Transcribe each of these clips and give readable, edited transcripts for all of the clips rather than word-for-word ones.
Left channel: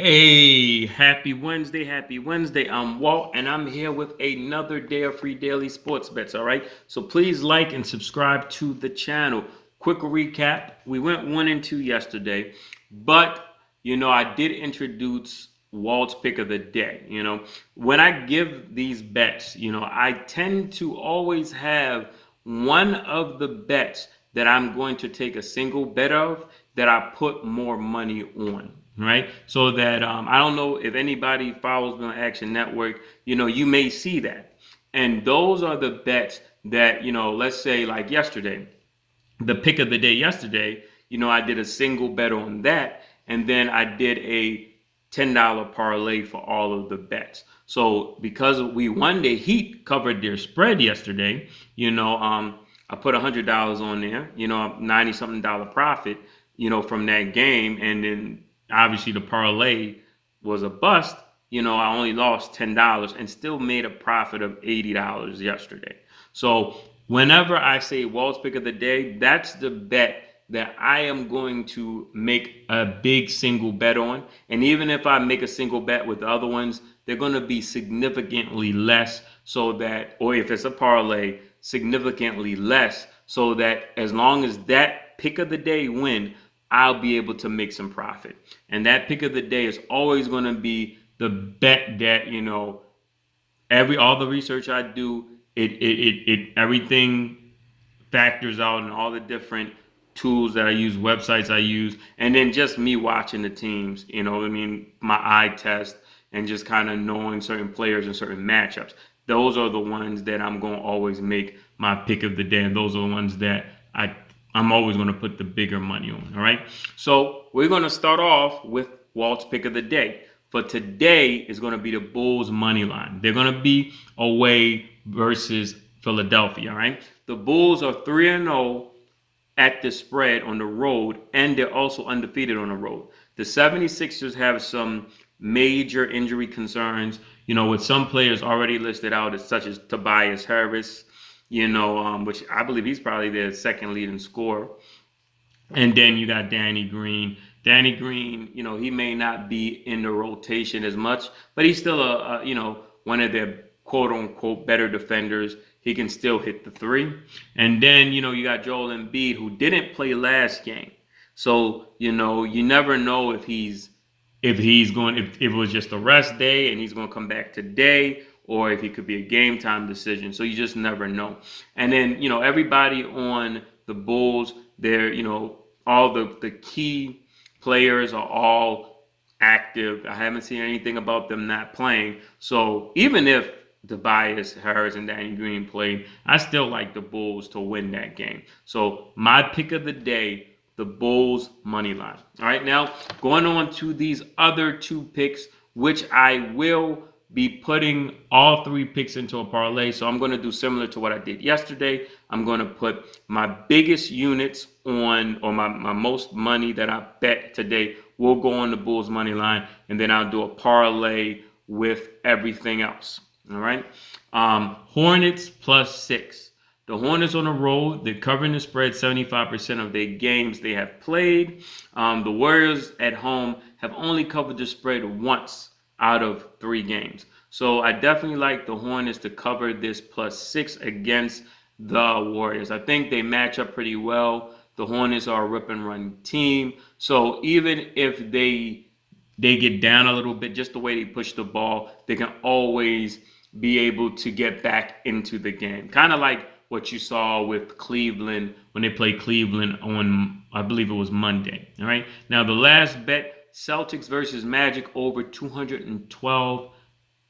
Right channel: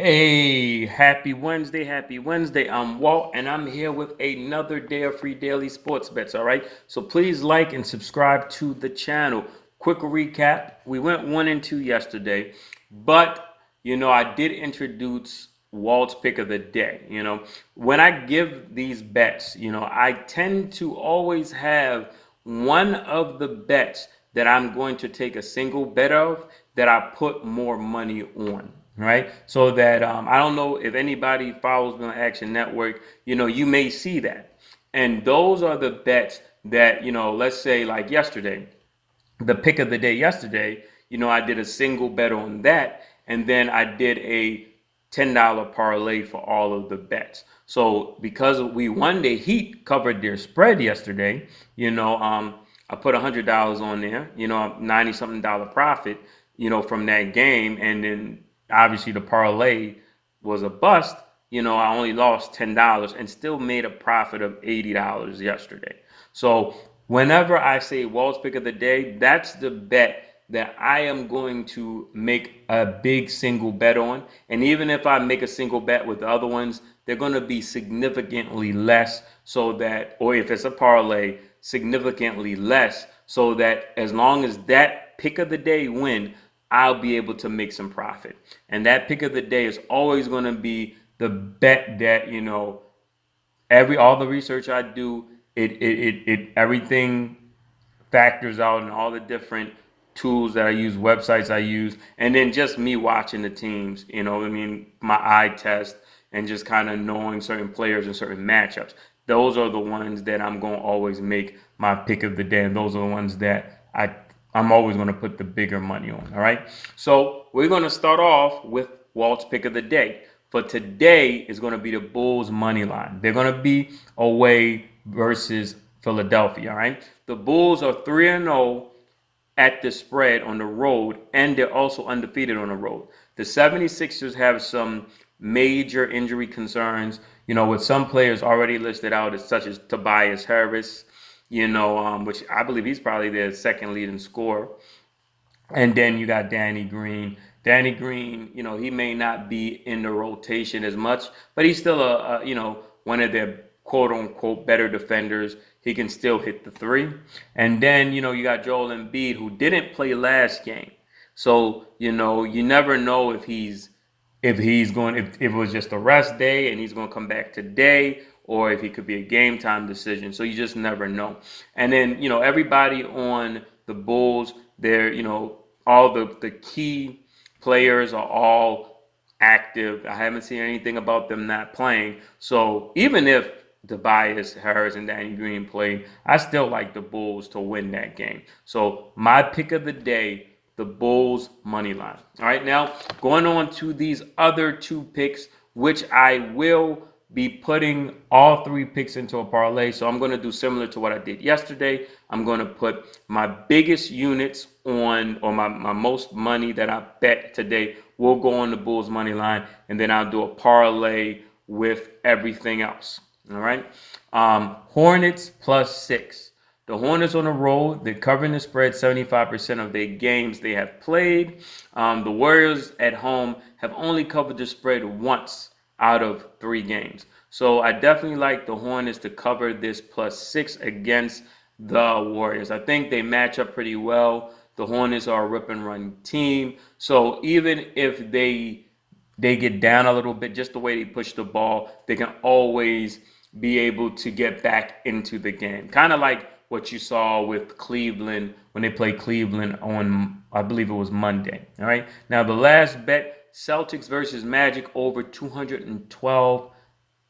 Hey, happy Wednesday, happy Wednesday. I'm Walt, and I'm here with another day of free daily sports bets. All right, so please like and subscribe to the channel. Quick recap: we went 1-2 yesterday, but I did introduce Walt's pick of the day. When I give these bets, I tend to always have one of the bets that I'm going to take a single bet of that I put more money on, right? So that I don't know if anybody follows me on Action Network, you may see that. And those are the bets that, let's say like yesterday, the pick of the day yesterday, I did a single bet on that. And then I did a $10 parlay for all of the bets. So because we won, the Heat covered their spread yesterday, I put $100 on there, 90 something dollar profit, from that game. And then obviously the parlay was a bust. I only lost $10 and still made a profit of $80 yesterday. So whenever I say Walt's pick of the day, that's the bet that I am going to make a big single bet on. And even if I make a single bet with the other ones, they're going to be significantly less, so that, or if it's a parlay, significantly less, so that as long as that pick of the day win, I'll be able to make some profit. And that pick of the day is always going to be the bet that, all the research I do, it everything factors out, and all the different tools that I use, websites I use, and then just me watching the teams, my eye test, and just kind of knowing certain players and certain matchups. Those are the ones that I'm going to always make my pick of the day, and those are the ones that I'm always going to put the bigger money on. All right. So we're going to start off with Walt's pick of the day. For today is going to be the Bulls money line. They're going to be away versus Philadelphia. All right. The Bulls are 3-0 at the spread on the road, and they're also undefeated on the road. The 76ers have some major injury concerns, with some players already listed out, such as Tobias Harris, which I believe he's probably their second leading scorer. And then you got Danny Green. Danny Green, he may not be in the rotation as much, but he's still one of their quote unquote better defenders. He can still hit the three. And then, you got Joel Embiid, who didn't play last game. So, you never know if it was just a rest day and he's going to come back today, or if he could be a game time decision. So you just never know. And then, everybody on the Bulls, they're, all the key players are all active. I haven't seen anything about them not playing. So even if Tobias Harris and Danny Green play, I still like the Bulls to win that game. So my pick of the day, the Bulls money line. All right, now going on to these other two picks, which I will be putting all three picks into a parlay. So I'm going to do similar to what I did yesterday. I'm going to put my biggest units on, or my most money that I bet today will go on the Bulls money line, and then I'll do a parlay with everything else. All right. Hornets +6. The Hornets on the road, they're covering the spread 75% of their games they have played. The Warriors at home have only covered the spread once out of 3 games. So I definitely like the Hornets to cover this +6 against the Warriors. I think they match up pretty well. The Hornets are a rip and run team. So even if they get down a little bit, just the way they push the ball, they can always be able to get back into the game. Kind of like what you saw with Cleveland when they played Cleveland on, I believe it was Monday. All right. Now the last bet, Celtics versus Magic over 212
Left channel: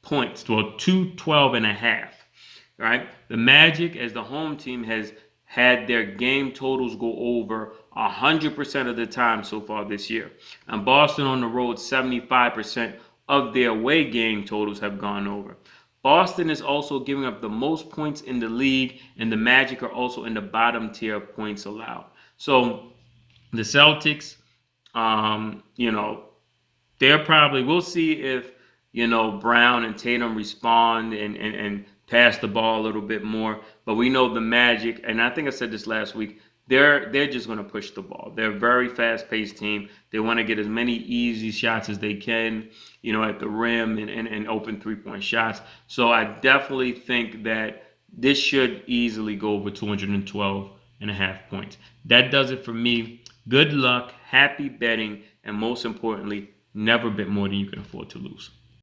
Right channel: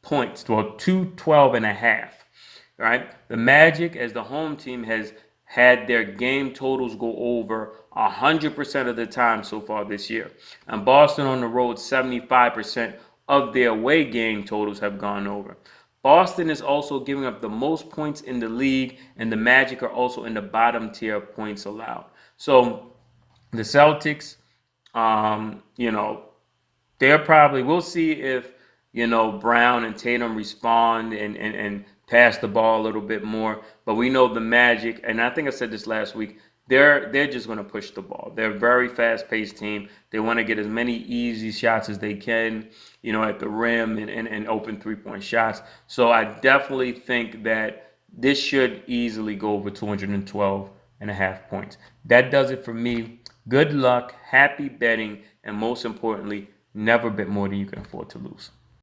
points. Well, 212.5. All right. The Magic, as the home team, has had their game totals go over 100% of the time so far this year. And Boston on the road, 75% of their away game totals have gone over. Boston is also giving up the most points in the league, and the Magic are also in the bottom tier of points allowed. So the Celtics, they're probably, we'll see if, Brown and Tatum respond and pass the ball a little bit more. But we know the Magic, and I think I said this last week, they're just going to push the ball. They're a very fast-paced team. They want to get as many easy shots as they can, at the rim and open three-point shots. So I definitely think that this should easily go over 212 and a half points. That does it for me. Good luck, happy betting, and most importantly, never bet more than you can afford to lose.